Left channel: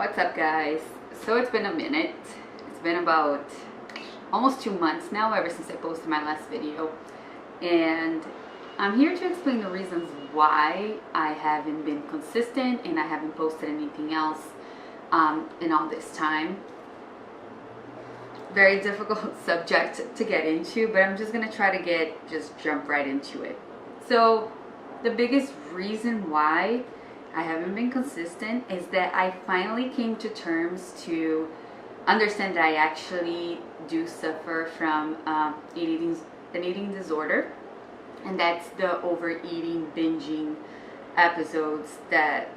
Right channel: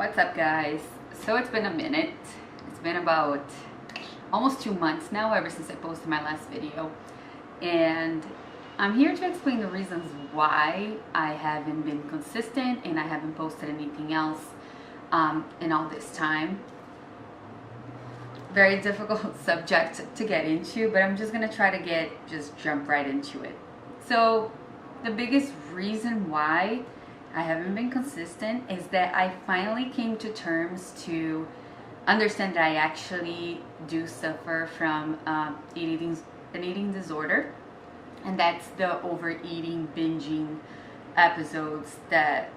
What's up, guys? So it's been a minute. It's been about almost 2 months now ever since I posted my last video, and I'm here to explain the reasons why I haven't been consistent and I haven't posted anything else in all this time. Very difficult subject to get into, but I'm just gonna try to jump right into it. So the biggest reason why I haven't been consistent is that I finally came to terms to understand that I actually do suffer from an eating disorder, and that's the overeating, binging episodes that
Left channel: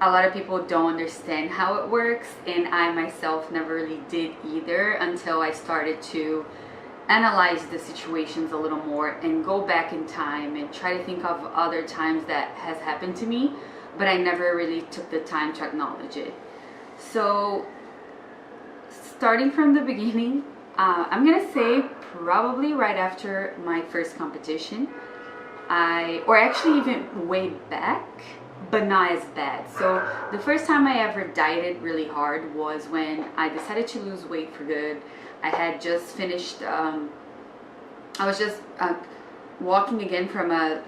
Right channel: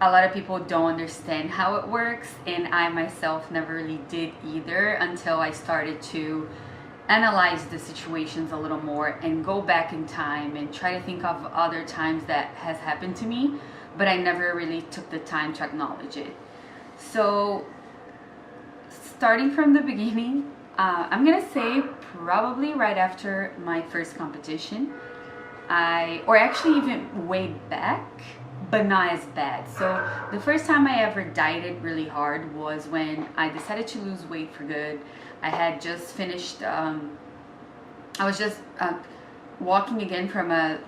a lot of people don't understand how it works, and I myself never really did either until I started to analyze the situations a little more and go back in time and try to think of other times that has happened to me, but I never really took the time to acknowledge it. So starting from the beginning, I'm gonna say probably right after my first competition, or actually even way back, but not as bad. So the first time I ever dieted really hard was when I decided to lose weight for good. I had just finished, I was just walking again from a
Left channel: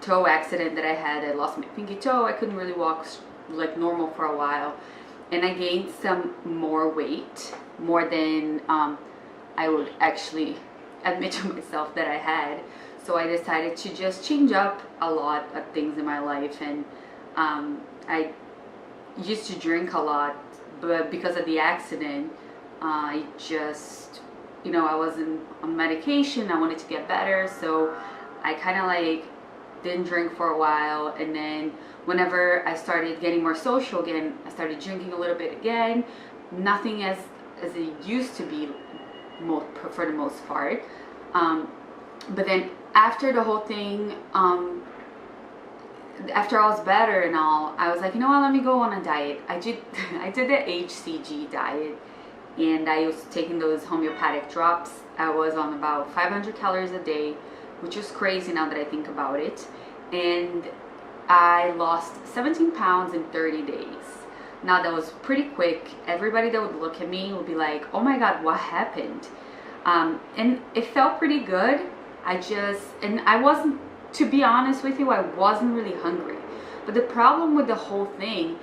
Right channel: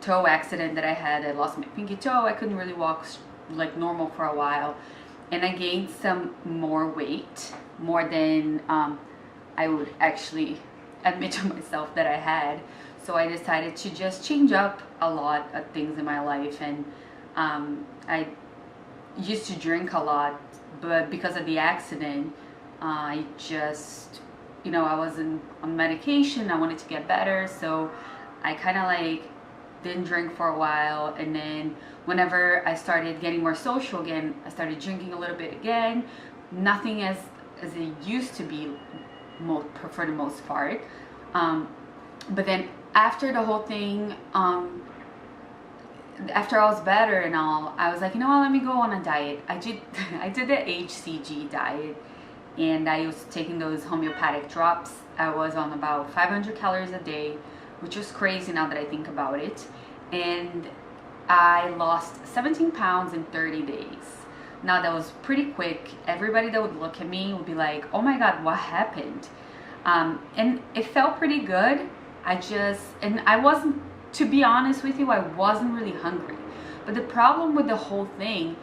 toe accident that I had. I lost my pinky toe. I couldn't really walk like normal for a while. And I gained some more weight, more than I would actually admit to myself that I had. So I decided to just change up a lot of things in my life. And I used to drink a lot, but because of the accident, I just, I wasn't on medication. I wanted to get better. So I kind of like didn't drink for a while. And then whenever I started getting more social again, I started drinking a little bit again. Nothing as it used to be for the most part. But then after the whole thing, after I was better and all, I was like, you know what, let me go on a diet. I did the HCG diet, and I was taking those homeopathic drops. I was on about 500 calories a day, which was crazy now that I think about it. And I lost 17 pounds in 30 days. Now that was pretty quick. Everybody that would look at me would be like, oh my God, what happened? And it felt pretty good. I wasn't, to be honest with you, I wasn't really hungry. But the problem with the whole thing,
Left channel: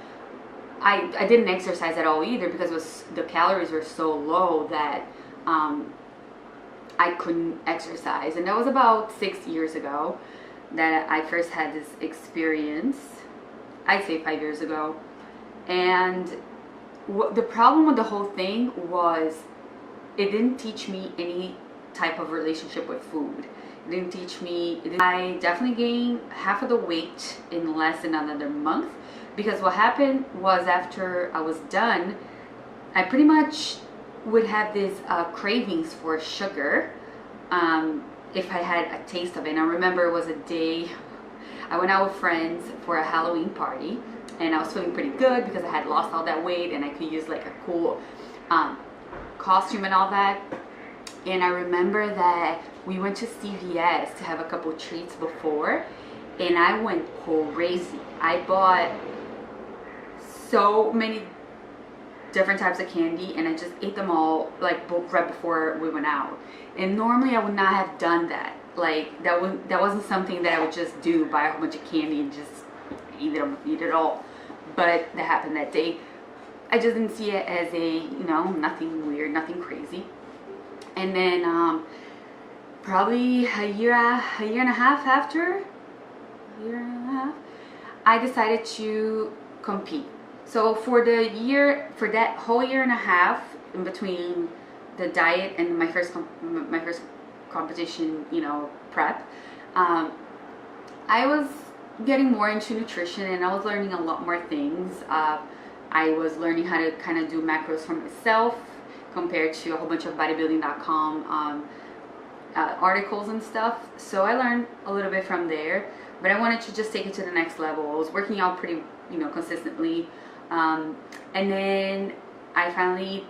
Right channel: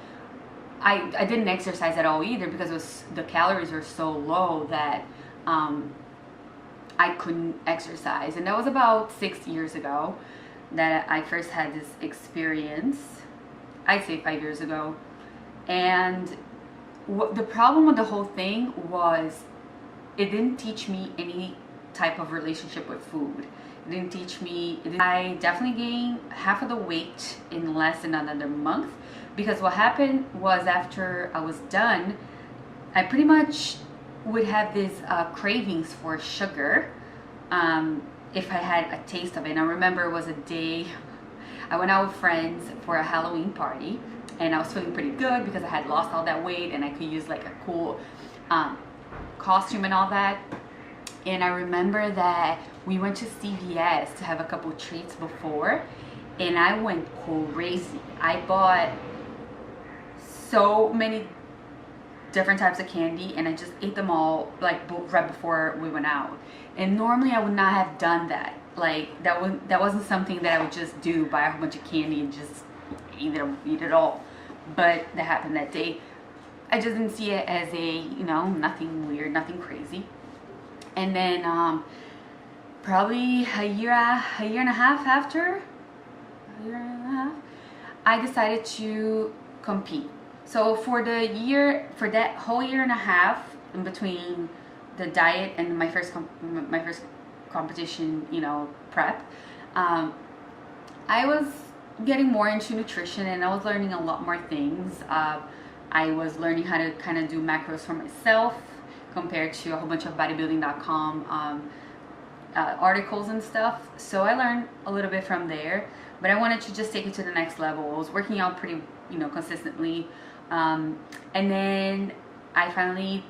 I didn't exercise at all either, because the calories were so low that I couldn't exercise. And that was about 6 years ago that I first had this experience. I'd say 5 years ago. And the problem with the whole thing was it didn't teach me any type of relationship with food. It didn't teach me. I definitely gained half of the weight in less than another month, because what happened was after I was done, I pretty much would have these cravings for sugar if I had a taste of it. And I remember it was a day I went out with friends for a Halloween party, and I was feeling pretty good because I had lost all that weight and I could use like a cool costume and all that. And I remember that we went to CVS to have a couple treats before, and I went crazy. I bought so many different types of candy, and I just ate them all like right before we went out. And normally I would not have done that. Like that wasn't something that I would just do, buy a whole bunch of candy and just eat it all. But that happened that day. I just didn't see it as nothing weird, nothing crazy. And then probably a year and a half after, I decided to compete. So for that whole year and a half in between the diet and my first competition, prep, I was getting more into nutrition, and I was learning a lot more things. I was learning how to kind of do macros for myself compared to a whole bunch of bodybuilding.com articles and stuff. So I learned a little bit from there, but I wanted to just take it to the next level. I was working out pretty, consistently. And then I finally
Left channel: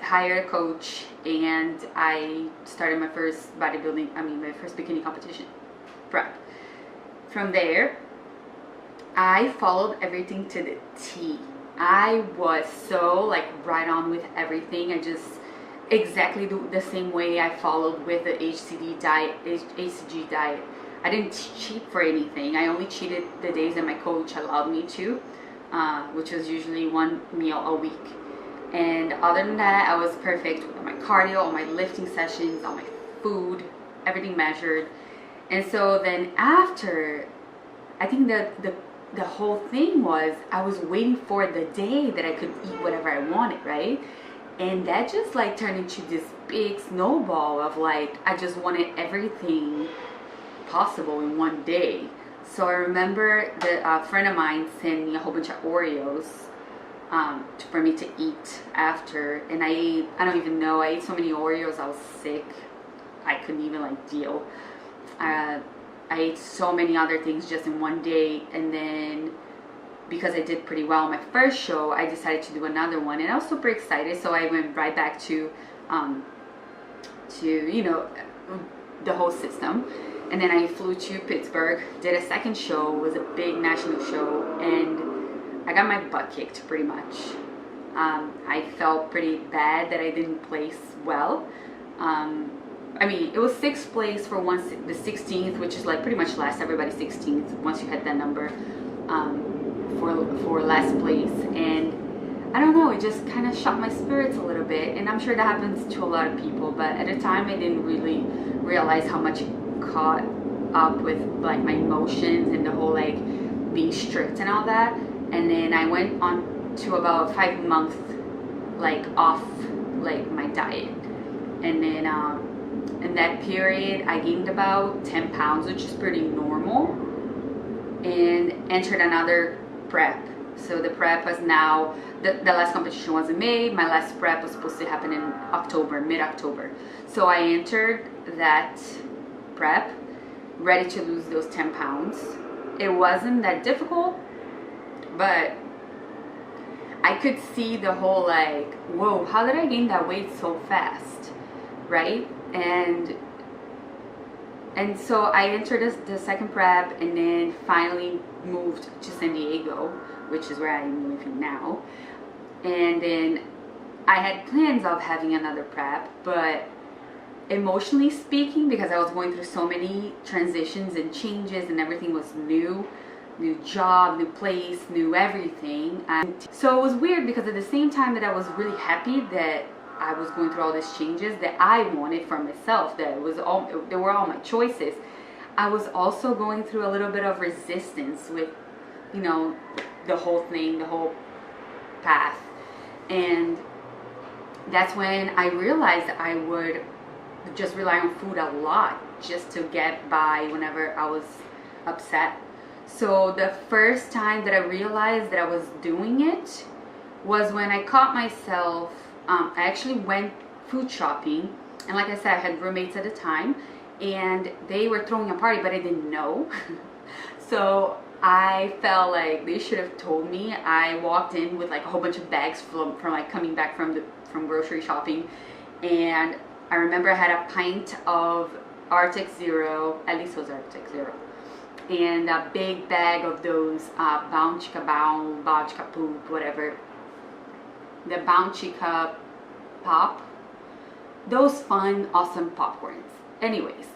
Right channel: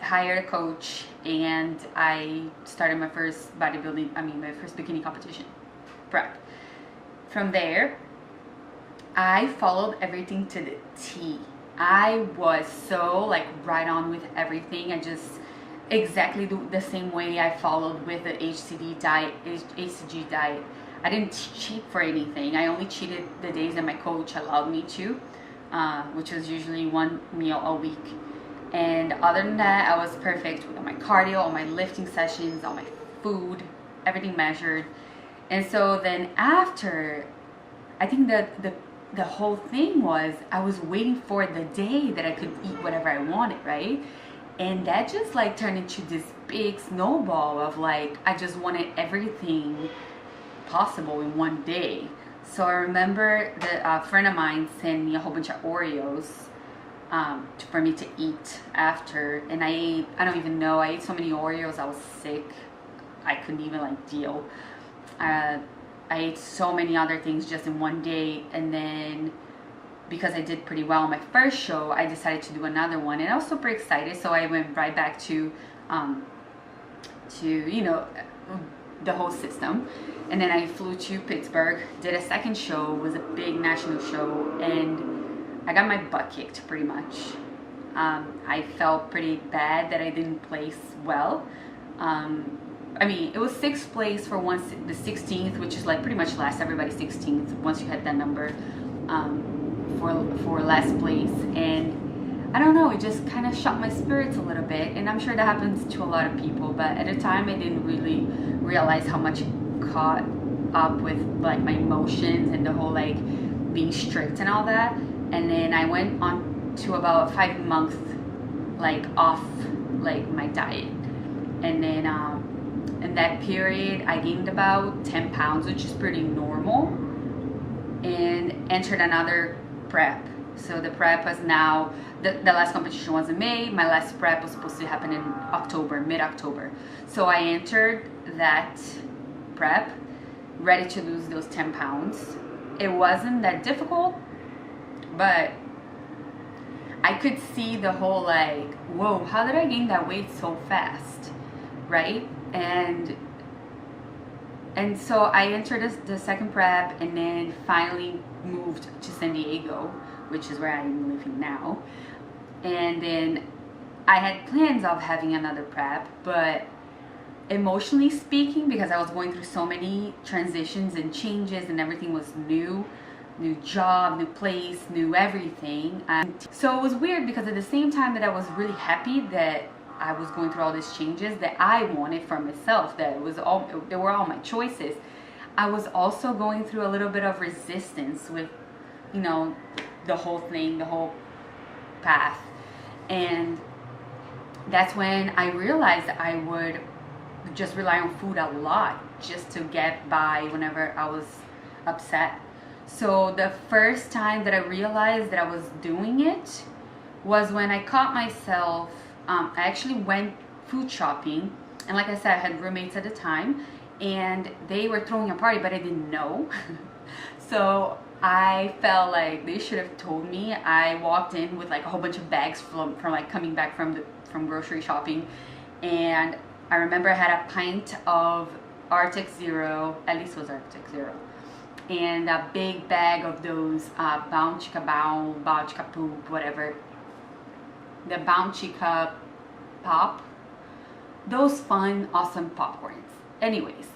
hired a coach, and I started my first my first bikini competition prep. From there, I followed everything to the T. I was so like right on with everything. I just exactly the same way I followed with the HCG diet. I didn't cheat for anything. I only cheated the days that my coach allowed me to, which was usually one meal a week. And other than that, I was perfect with my cardio, all my lifting sessions, all my food, everything measured. And so then after, I think that the whole thing was I was waiting for the day that I could eat whatever I wanted, right? And that just like turned into this big snowball of like I just wanted everything possible in one day. So I remember a friend of mine sent me a whole bunch of Oreos for me to eat after, and I don't even know, I ate so many Oreos, I was sick, I couldn't even like deal. I ate so many other things just in one day, and then because I did pretty well on my first show, I decided to do another one, and I was super excited. So I went right back to you know, the whole system, and then I flew to Pittsburgh, did a second show, was a big national show, and I got my butt kicked pretty much. I felt pretty bad that I didn't place well. I mean, it was 6th place for the 16th, which is like pretty much last everybody's 16th once you hit that number, for last place. And I don't know, it just kind of shot my spirits a little bit. And I'm sure that happens to a lot of people, but at the time I didn't really realize how much it caught up with like my emotions and the whole like being strict and all that. And then I went on to about a 5-month like off like my diet, and then in that period I gained about 10 pounds, which is pretty normal, and entered another prep. So the prep was now, the last competition was in May, my last prep was supposed to happen in October, mid-October. So I entered that prep ready to lose those 10 pounds. It wasn't that difficult, but I could see the whole like, whoa, how did I gain that weight so fast, right? And so I entered the second prep, and then finally moved to San Diego, which is where I'm living now. And then I had plans of having another prep, but emotionally speaking, because I was going through so many transitions and changes and everything was new job, new place, new everything. So it was weird because at the same time that I was really happy that I was going through all these changes that I wanted for myself, they were all my choices, I was also going through a little bit of resistance with, you know, the whole thing, the whole path. And that's when I realized I would just rely on food a lot just to get by whenever I was upset. So the first time that I realized that I was doing it was when I caught myself, I actually went food shopping, and like I said, I had roommates at the time, and they were throwing a party, but I didn't know. So I felt like they should have told me. I walked in with like a whole bunch of bags from like coming back from grocery shopping, and I remember I had a pint of Arctic Zero, at least it was Arctic Zero, and a big bag of those Bounty Poop, whatever, the Bounty Pop, those fun, awesome popcorns. Anyways,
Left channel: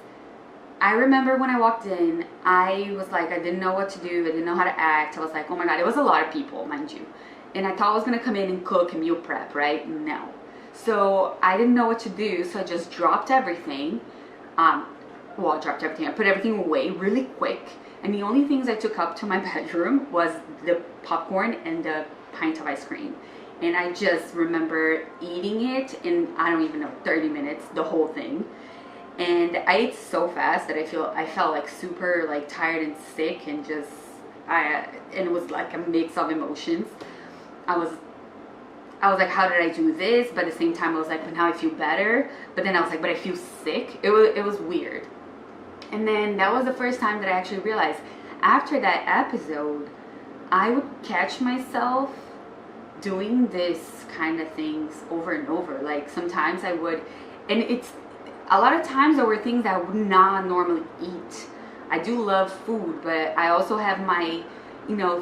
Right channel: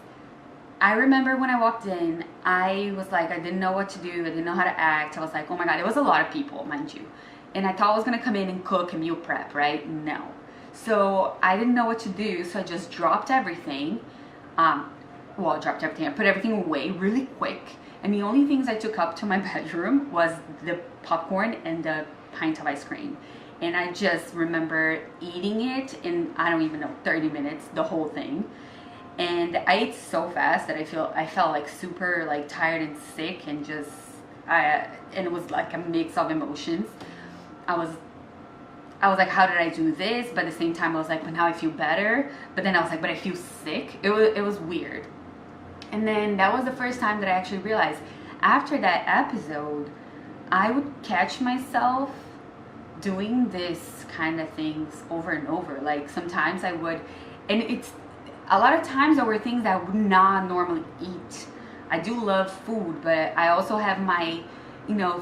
I remember when I walked in, I was like, I didn't know what to do, I didn't know how to act. I was like, oh my god, it was a lot of people, mind you, and I thought I was gonna come in and cook and meal prep, right? No. So I didn't know what to do, so I just dropped everything. I put everything away really quick, and the only things I took up to my bedroom was the popcorn and the pint of ice cream. And I just remember eating it in, I don't even know, 30 minutes, the whole thing. And I ate so fast that I felt like super like tired and sick, and and it was like a mix of emotions. I was like, how did I do this? But at the same time, I was like, but now I feel better. But then I was like, but I feel sick. It was weird. And then that was the first time that I actually realized, after that episode, I would catch myself doing this kind of things over and over. Like sometimes I would, and it's a lot of times there were things that I would not normally eat. I do love food, but I also have my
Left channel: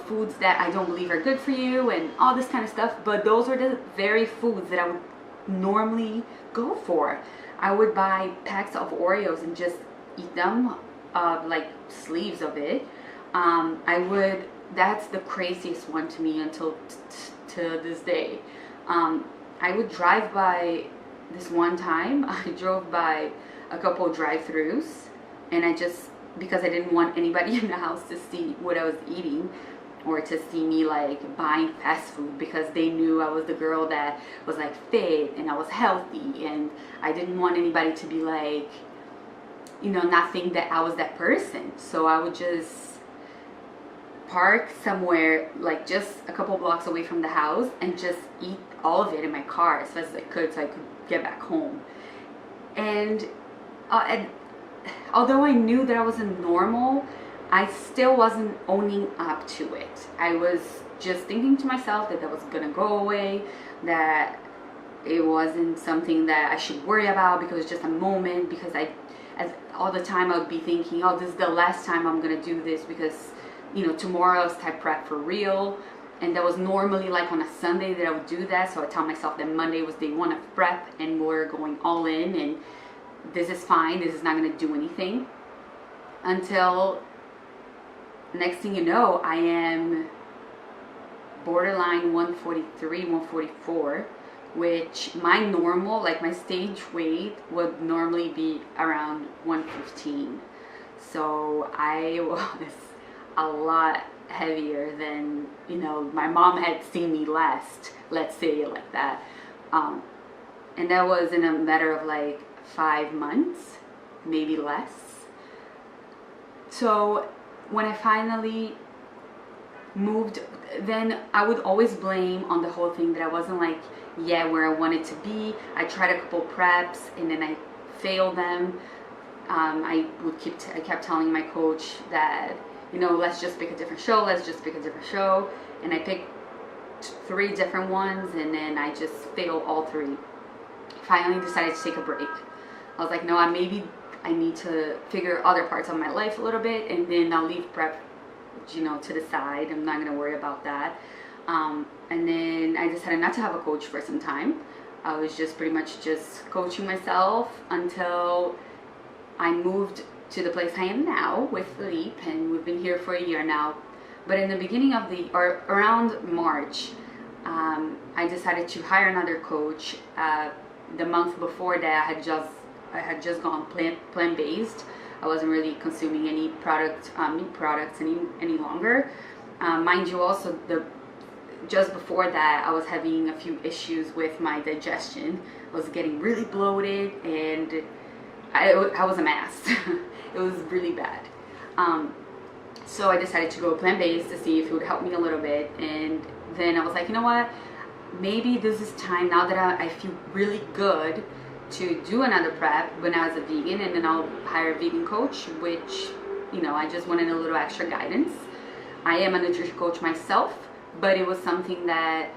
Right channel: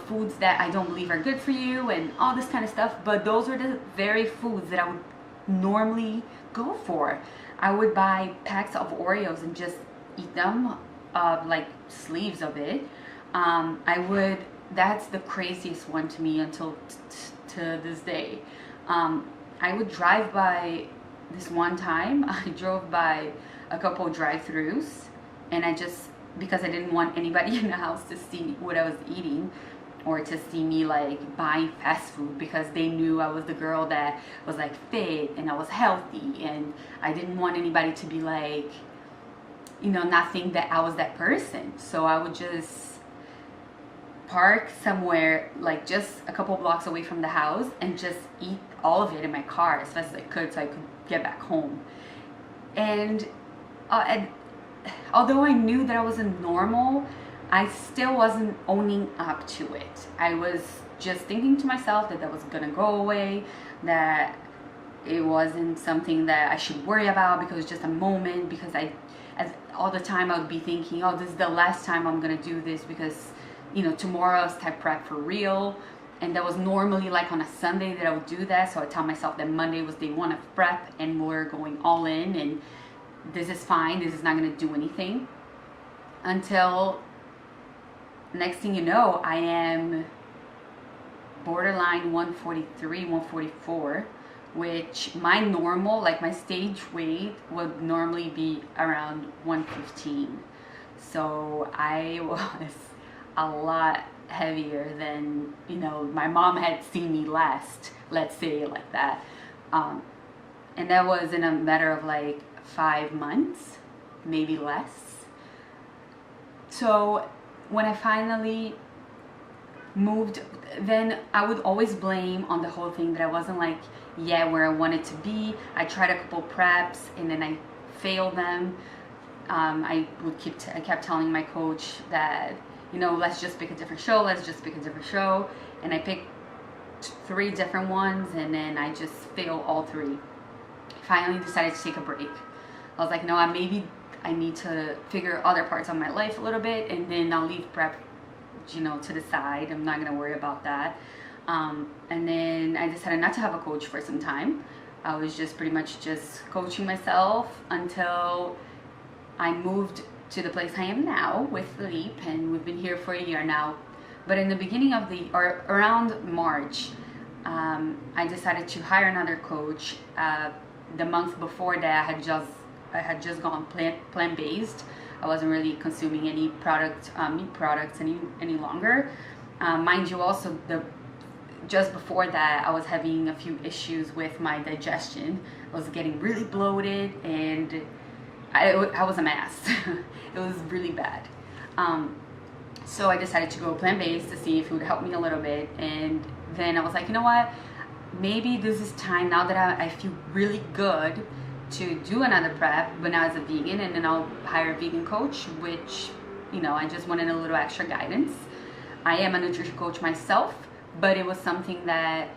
foods that I don't believe are good for you and all this kind of stuff. But those are the very foods that I would normally go for. I would buy packs of Oreos and just eat them, like sleeves of it. That's the craziest one to me until to this day. I would drive by this one time. I drove by a couple drive-throughs, and because I didn't want anybody in the house to see what I was eating or to see me like buying fast food, because they knew I was the girl that was like fit and I was healthy, and I didn't want anybody to be like, not think that I was that person. So I would just park somewhere like just a couple blocks away from the house and just eat all of it in my car as fast as I could so I could get back home. And although I knew that I wasn't normal, I still wasn't owning up to it. I was just thinking to myself that was gonna go away, that it wasn't something that I should worry about because it's just a moment, because all the time I would be thinking, oh, this is the last time I'm gonna do this, because tomorrow's type prep for real. And that was normally like on a Sunday that I would do that. So I tell myself that Monday was day one of prep and we're going all in, and this is fine, this is not going to do anything. Until next thing you know, I am borderline 143, 144, which my normal, like my stage weight would normally be around 115. So I was a lot heavier than my mom had seen me last, let's say it like that. And that was in a matter of like 5 months, maybe less. So when I finally moved, then I would always blame on the whole thing that I wasn't like where I wanted to be. I tried a couple preps and then I failed them. I kept telling my coach that let's just pick a different show, and I picked 3 different ones, and then I just failed all 3. Finally decided to take a break. I was like, no, maybe I need to figure other parts of my life a little bit, and then I'll leave prep to the side. I'm not gonna worry about that. And then I decided not to have a coach for some time. I was just pretty much just coaching myself until I moved to the place I am now with Philippe, and we've been here for a year now. But in the beginning of around March, I decided to hire another coach. The month before that, I had just gone plant-based. I wasn't really consuming any meat products any longer. Mind you, also just before that, I was having a few issues with my digestion. I was getting really bloated, and I was a mess. It was really bad. So I decided to go plant-based to see if it would help me a little bit. And then I was like, you know what? Maybe this is time, now that I feel really good, to do another prep, but now as a vegan, and then I'll hire a vegan coach, which, I just wanted a little extra guidance. I am a nutrition coach myself, but it was something that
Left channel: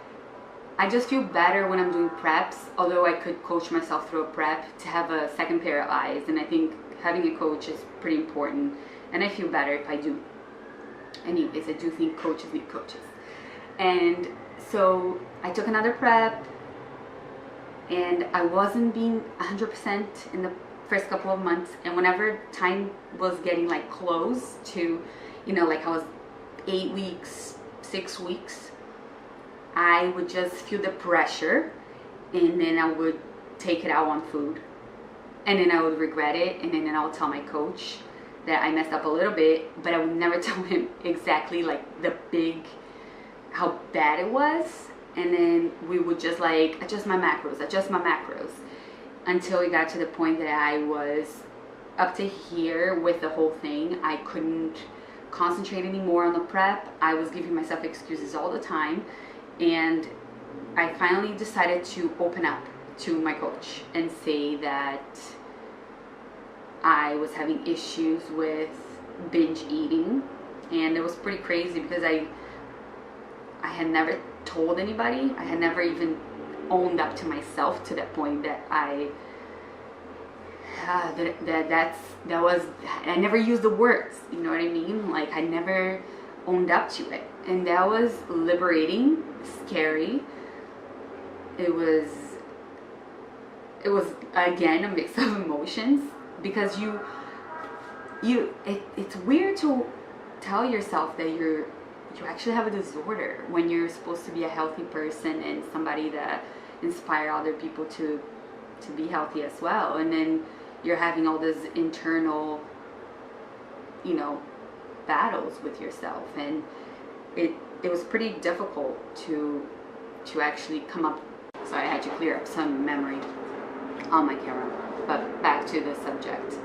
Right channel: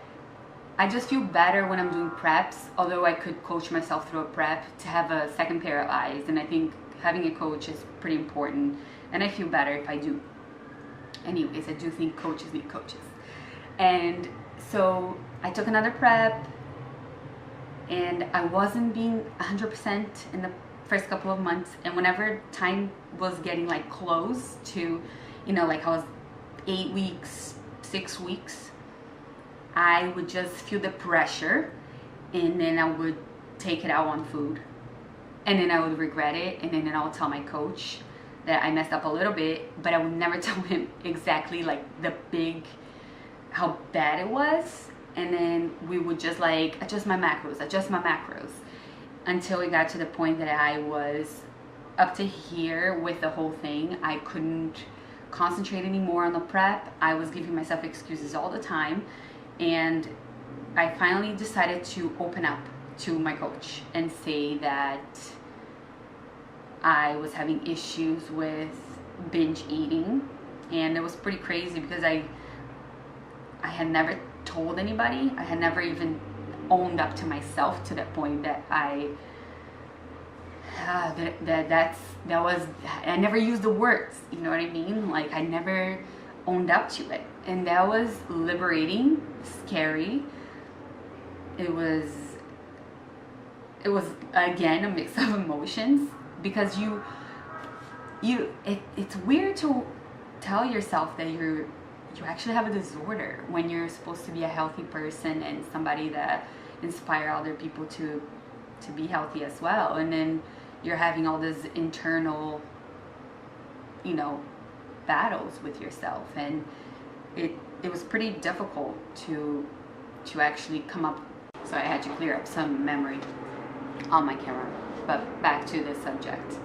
I just feel better when I'm doing preps, although I could coach myself through a prep, to have a second pair of eyes. And I think having a coach is pretty important, and I feel better if I do. Anyways, I do think coaches need coaches. And so I took another prep, and I wasn't being 100% in the first couple of months. And whenever time was getting like close to, like I was 8 weeks, 6 weeks, I would just feel the pressure, and then I would take it out on food, and then I would regret it, and then I would tell my coach that I messed up a little bit, but I would never tell him exactly like how bad it was. And then we would just like adjust my macros until it got to the point that I was up to here with the whole thing. I couldn't concentrate anymore on the prep. I was giving myself excuses all the time. And I finally decided to open up to my coach and say that I was having issues with binge eating. And it was pretty crazy because I had never told anybody. I had never even owned up to myself to that point that I never used the words, you know what I mean? Like I never owned up to it. And that was liberating, scary. It was again a mix of emotions, because it's weird to tell yourself that you actually have a disorder when you're supposed to be a healthy person and somebody that inspire other people to be healthy as well. And then you're having all this internal, battles with yourself, and it was pretty difficult to actually come up. So I had to clear up some memory on my camera. But back to the subject.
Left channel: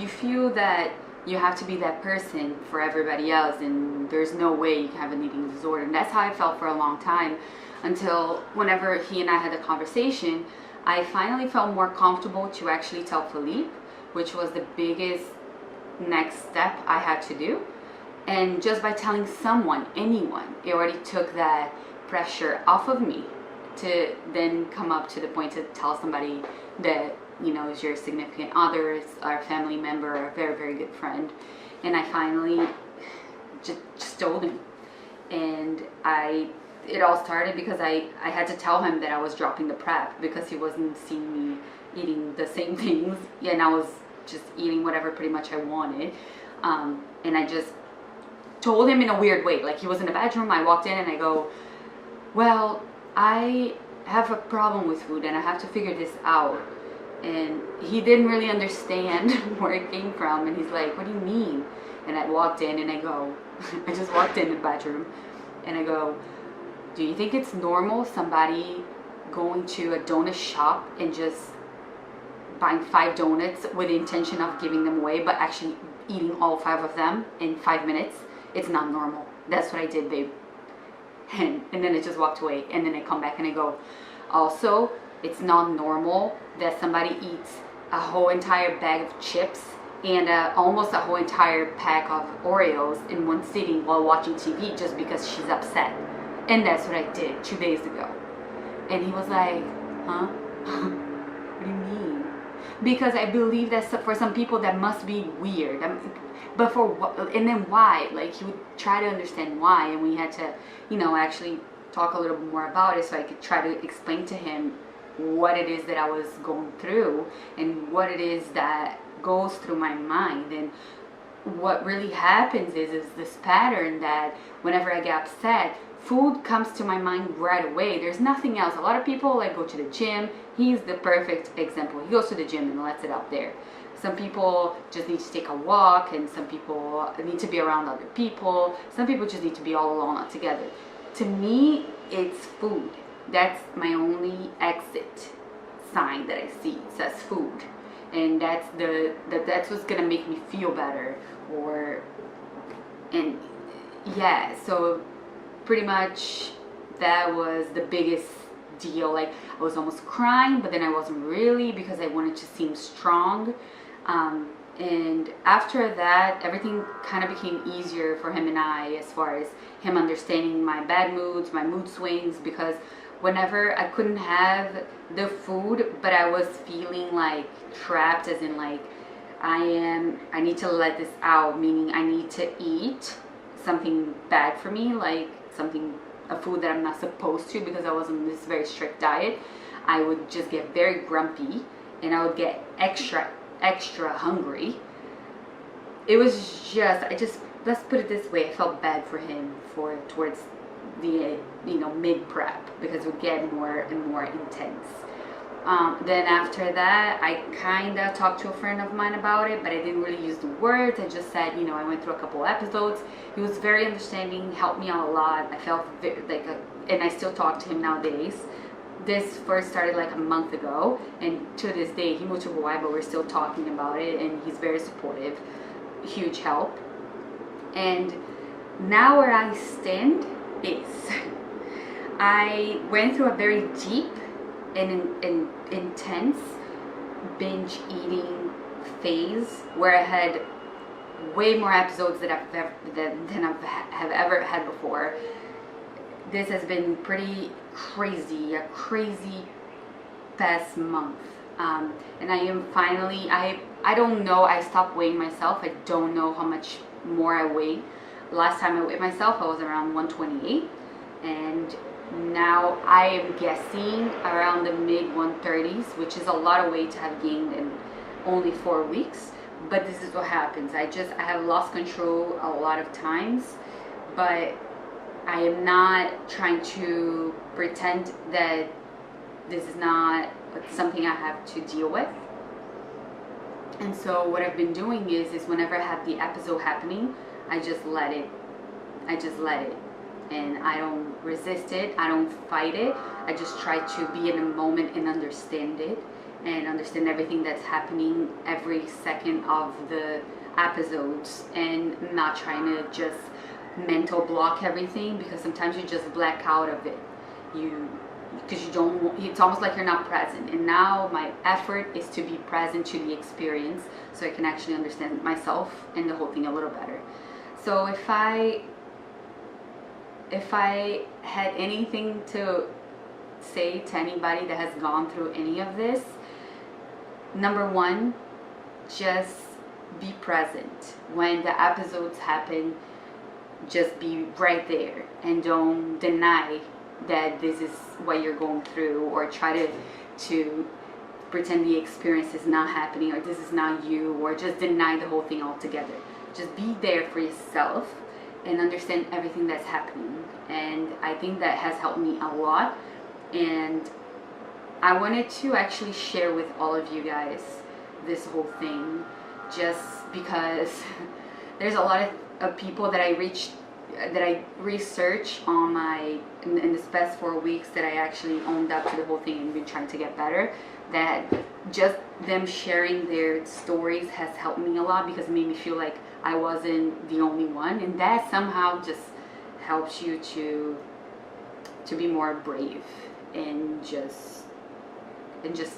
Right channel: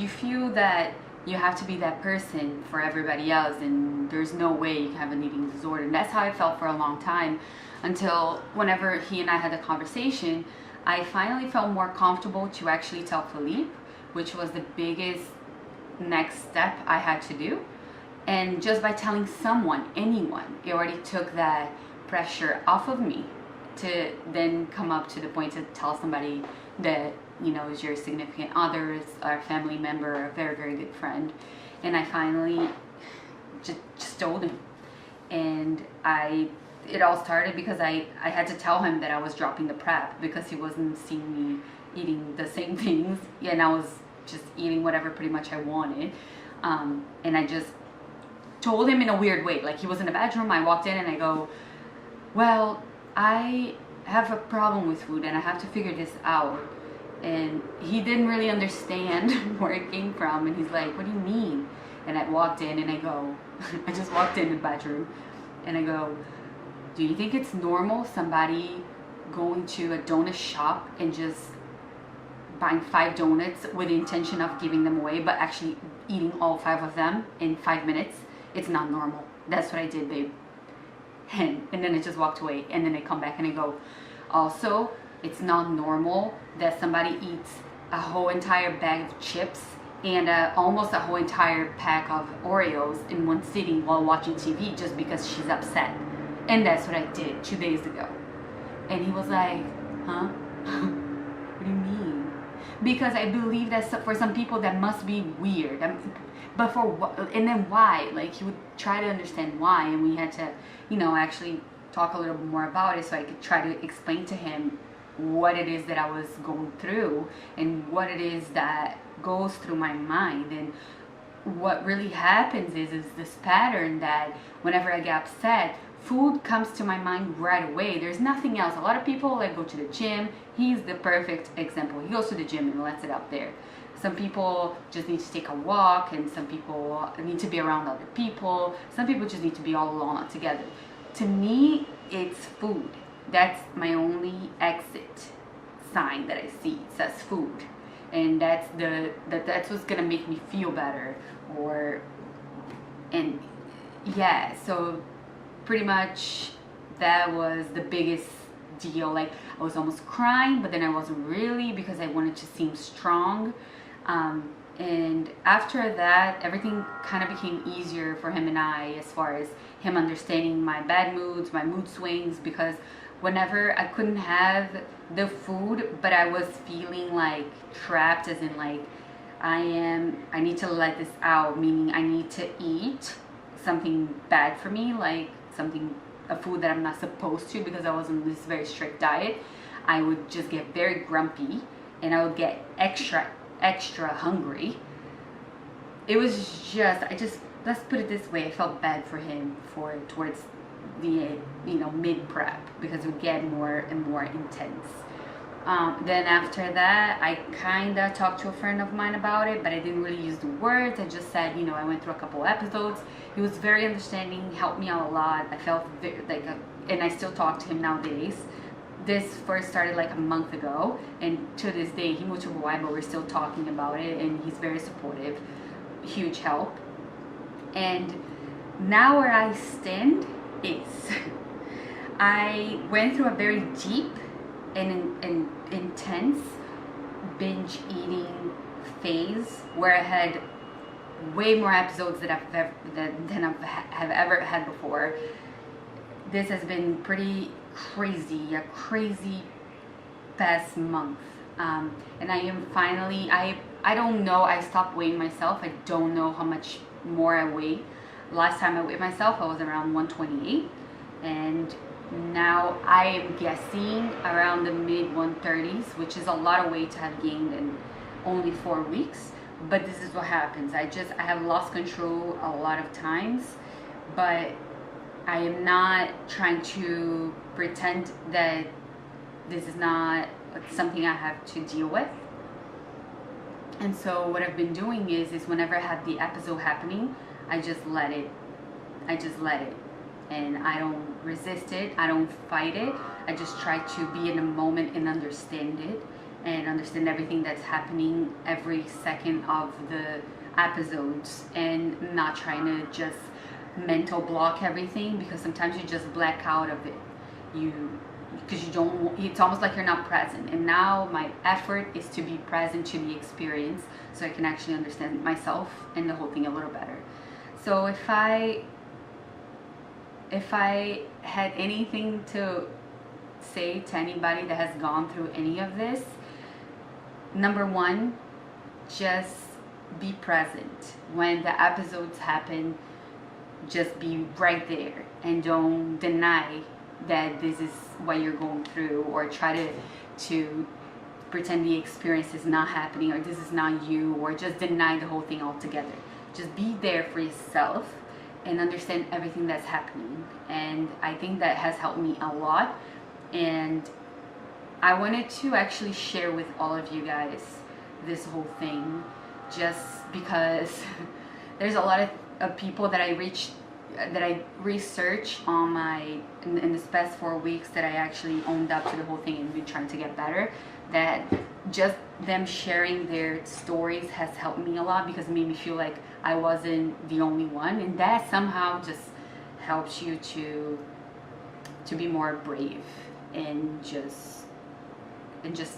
You feel that you have to be that person for everybody else, and there's no way you can have an eating disorder. And that's how I felt for a long time, until whenever he and I had a conversation, I finally felt more comfortable to actually tell Philippe, which was the biggest next step I had to do. And just by telling someone, anyone, it already took that pressure off of me to then come up to the point to tell somebody that, is your significant other, or a family member, or a very, very good friend. And I finally just told him. And it all started because I had to tell him that I was dropping the prep, because he wasn't seeing me eating the same things, and I was just eating whatever pretty much I wanted. And I just told him in a weird way. Like, he was in the bedroom, I walked in and I go, well, I have a problem with food and I have to figure this out. And he didn't really understand where it came from, and he's like, what do you mean? And I walked in and I go, I just walked in the bedroom and I go, do you think it's normal somebody going to a donut shop and just buying 5 donuts with the intention of giving them away, but actually eating all 5 of them in 5 minutes? It's not normal. That's what I did, babe. And then I just walked away, and then I come back and I go, also, it's not normal that somebody eats a whole entire bag of chips and almost a whole entire pack of Oreos in one sitting while watching TV just because she's upset. And that's what I did 2 days ago. And he was like, huh? What do you mean? Because I believe that for some people that must be weird. But for what? And then why? Like, he would try to understand why, and we had to, actually talk a little bit more about it, so I could try to explain to him what it is that I was going through and what it is that goes through my mind. And what really happens is this pattern that whenever I get upset, food comes to my mind right away. There's nothing else. A lot of people go to the gym. He's the perfect example. He goes to the gym and lets it out there. Some people just need to take a walk, and some people need to be around other people. Some people just need to be all alone, all together. To me, it's food. That's my only exit sign that I see. It says food. And that's what's gonna make me feel better. So pretty much that was the biggest deal. Like, I was almost crying, but then I wasn't really, because I wanted to seem strong. And after that, everything kind of became easier for him and I, as far as him understanding my bad moods, my mood swings, because whenever I couldn't have the food, but I was feeling like trapped, as in like, I need to let this out, meaning I need to eat something bad for me, like a food that I'm not supposed to, because I was on this very strict diet, I would just get very grumpy, and I would get extra hungry. It was just, let's put it this way, I felt bad for him towards the mid prep, because it would get more and more intense. Then after that, I kind of talked to a friend of mine about it, but I didn't really use the words. I just said, I went through a couple episodes. He was very understanding, helped me out a lot. I felt and I still talk to him nowadays. This first started like a month ago, and to this day, he moved to Hawaii, but we're still talking about it, and he's very supportive, huge help. And now where I stand is, I went through a very deep and intense binge eating phase where I had way more episodes than I've ever had before. This has been pretty crazy, a crazy past month, and I am finally, I I don't know. I stopped weighing myself. I don't know how much more I weigh. Last time I weighed myself, I was around 128, and now I am guessing around the mid 130s, which is a lot of weight to have gained in only 4 weeks. But this is what happens. I have lost control a lot of times, but I am not trying to pretend that this is not something I have to deal with. And so what I've been doing is whenever I have the episode happening, I just let it. And I don't resist it. I don't fight it. I just try to be in a moment and understand it, and understand everything that's happening every second of the episodes, and not trying to just mental block everything, because sometimes you just black out of it. Because you don't, it's almost like you're not present. And now my effort is to be present to the experience, so I can actually understand myself and the whole thing a little better. So if I had anything to say to anybody that has gone through any of this, number one, just be present. When the episodes happen, just be right there, and don't deny that this is what you're going through, or try to pretend the experience is not happening, or this is not you, or just deny the whole thing altogether. Just be there for yourself and understand everything that's happening. And I think that has helped me a lot, and I wanted to actually share with all of you guys this whole thing, just because there's a lot of people that I research on my in this past 4 weeks, that I actually owned up to the whole thing and been trying to get better, that just them sharing their stories has helped me a lot, because it made me feel like I wasn't the only one, and that somehow just helps you to be more brave, and just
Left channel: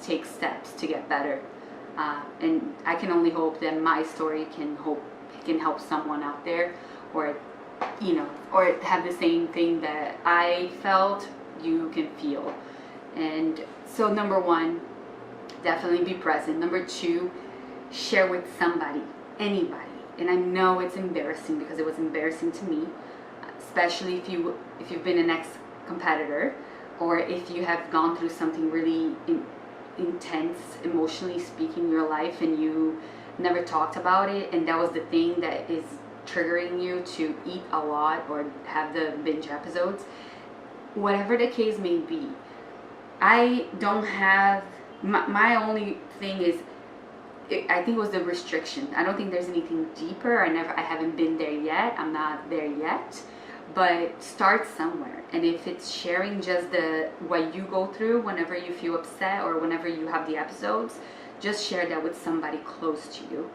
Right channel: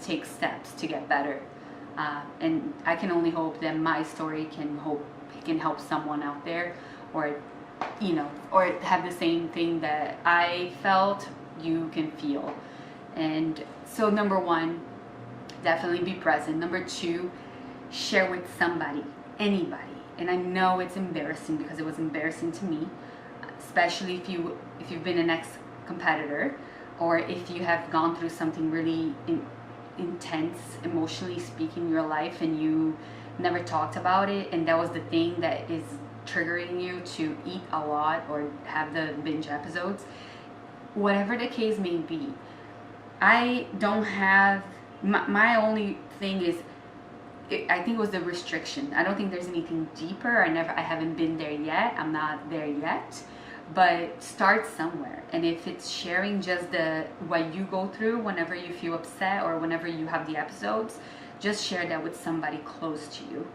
take steps to get better. And I can only hope that my story can help someone out there, or or have the same thing that I felt, you can feel. And so number one, definitely be present. Number two, share with somebody, anybody. And I know it's embarrassing, because it was embarrassing to me, especially if you've been an ex-competitor, or if you have gone through something really intense, emotionally speaking, in your life, and you never talked about it, and that was the thing that is triggering you to eat a lot or have the binge episodes. Whatever the case may be, I don't have my only thing is, I think it was the restriction. I don't think there's anything deeper. I haven't been there yet. I'm not there yet. But start somewhere. And if it's sharing just what you go through whenever you feel upset, or whenever you have the episodes, just share that with somebody close to you.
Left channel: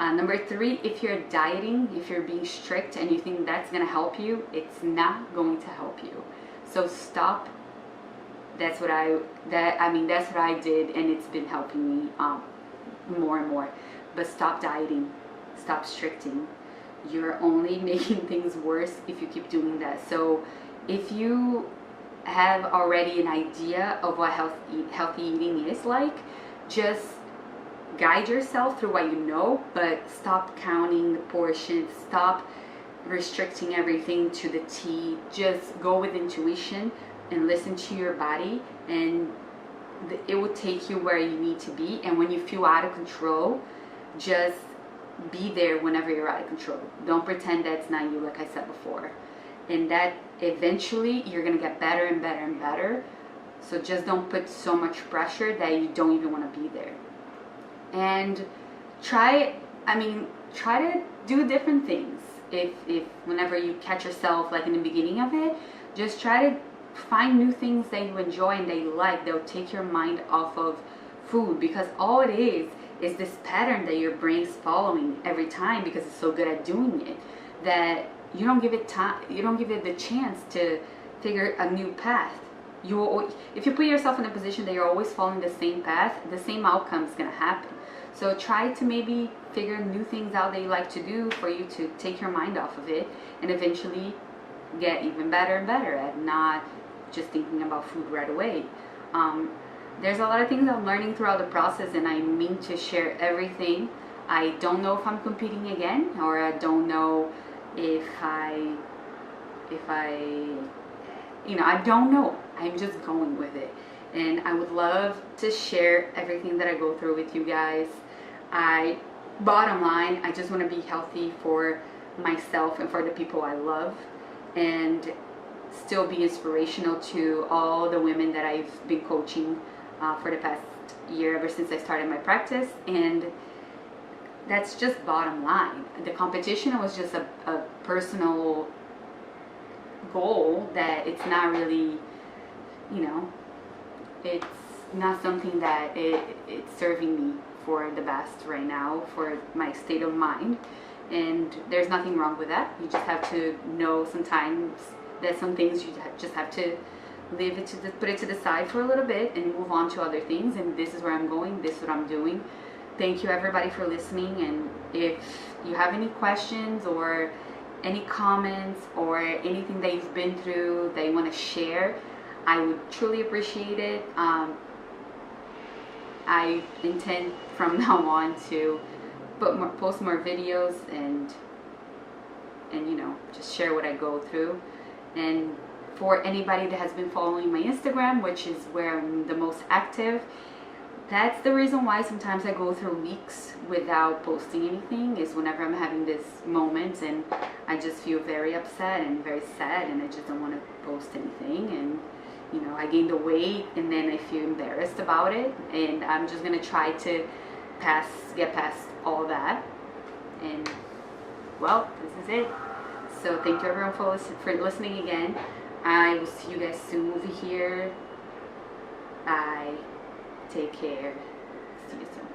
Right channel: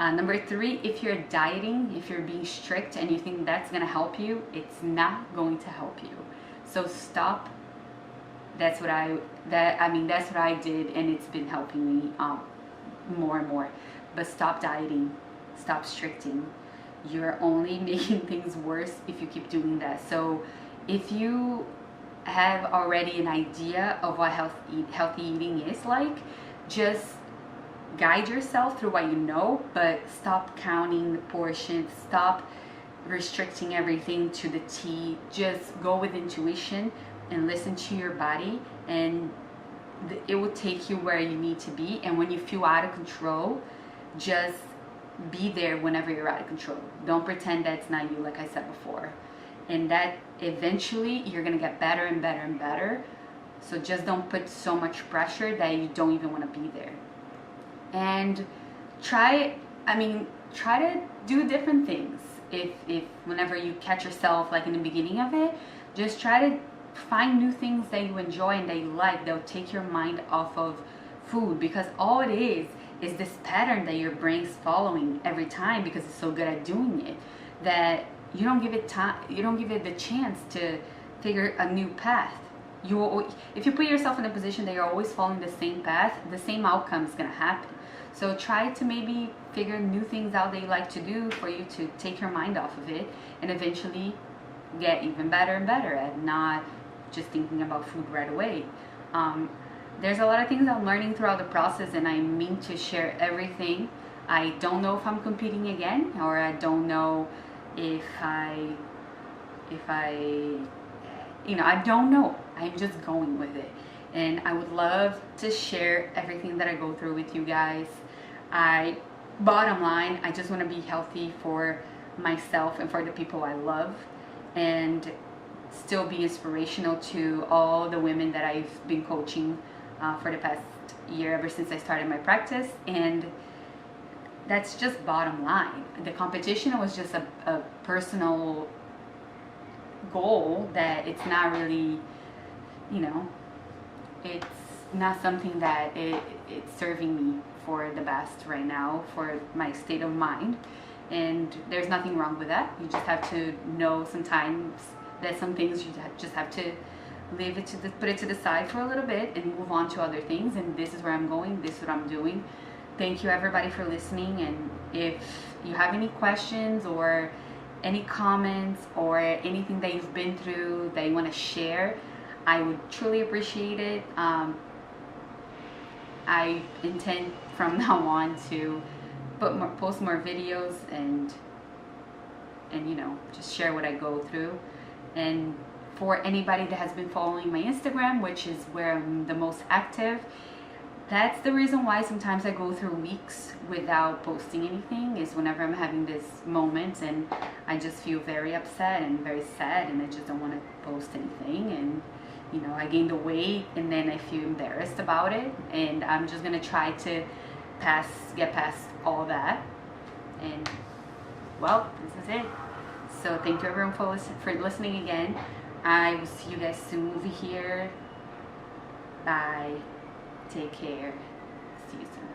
Number three, if you're dieting, if you're being strict and you think that's going to help you, it's not going to help you. So stop. That's what I did, and it's been helping me more and more. But stop dieting, stop stricting. You're only making things worse if you keep doing that. So if you have already an idea of what healthy eating is like, just guide yourself through what you know, but stop counting the portions, stop restricting everything to the T. Just go with intuition and listen to your body, and it will take you where you need to be. And when you feel out of control, just be there whenever you're out of control. Don't pretend that's not you, like I said before. And that eventually you're gonna get better and better and better. So just don't put so much pressure that you don't even want to be there. And try to do different things. If whenever you catch yourself like in the beginning of it, just try to find new things that you enjoy and that you like, that will take your mind off of food, because all it is this pattern that your brain's following every time, because it's so good at doing it, that you don't give it time, you don't give it the chance to figure a new path. If you put yourself in a position that you're always following the same path, the same outcome is going to happen. So try to maybe figure new things out that you like to do, for you to take your mind off of it, and eventually get even better and better at not just thinking about food right away. there's a lot of things I'm learning throughout the process, and I mean to share everything. I don't know if I'm competing again, or I don't know if I, I don't know. I'm just going with it. And I would love to share everything that I go through with you guys. Bottom line, I just want to be healthy for myself and for the people I love, and still be inspirational to all the women that I've been coaching for the past year, ever since I started my practice. And that's just bottom line. The competition was just a personal goal that it's not really, it's not something that it's serving me for the best right now for my state of mind. And there's nothing wrong with that. You just have to know sometimes that some things you just have to put it to the side for a little bit and move on to other things. And this is where I'm going. This is what I'm doing. Thank you everybody for listening. And if you have any questions or any comments or anything that you've been through that you want to share, I would truly appreciate it. I intend from now on to post more videos and just share what I go through. And for anybody that has been following my Instagram, which is where I'm the most active, that's the reason why sometimes I go through weeks without posting anything, is whenever I'm having this moment and I just feel very upset and very sad and I just don't want to post anything. And I gained the weight and then I feel embarrassed about it, and I'm just gonna try to get past all that. And well, this is it. So thank you everyone for listening again. I will see you guys soon over here. Bye. Take care. See you soon.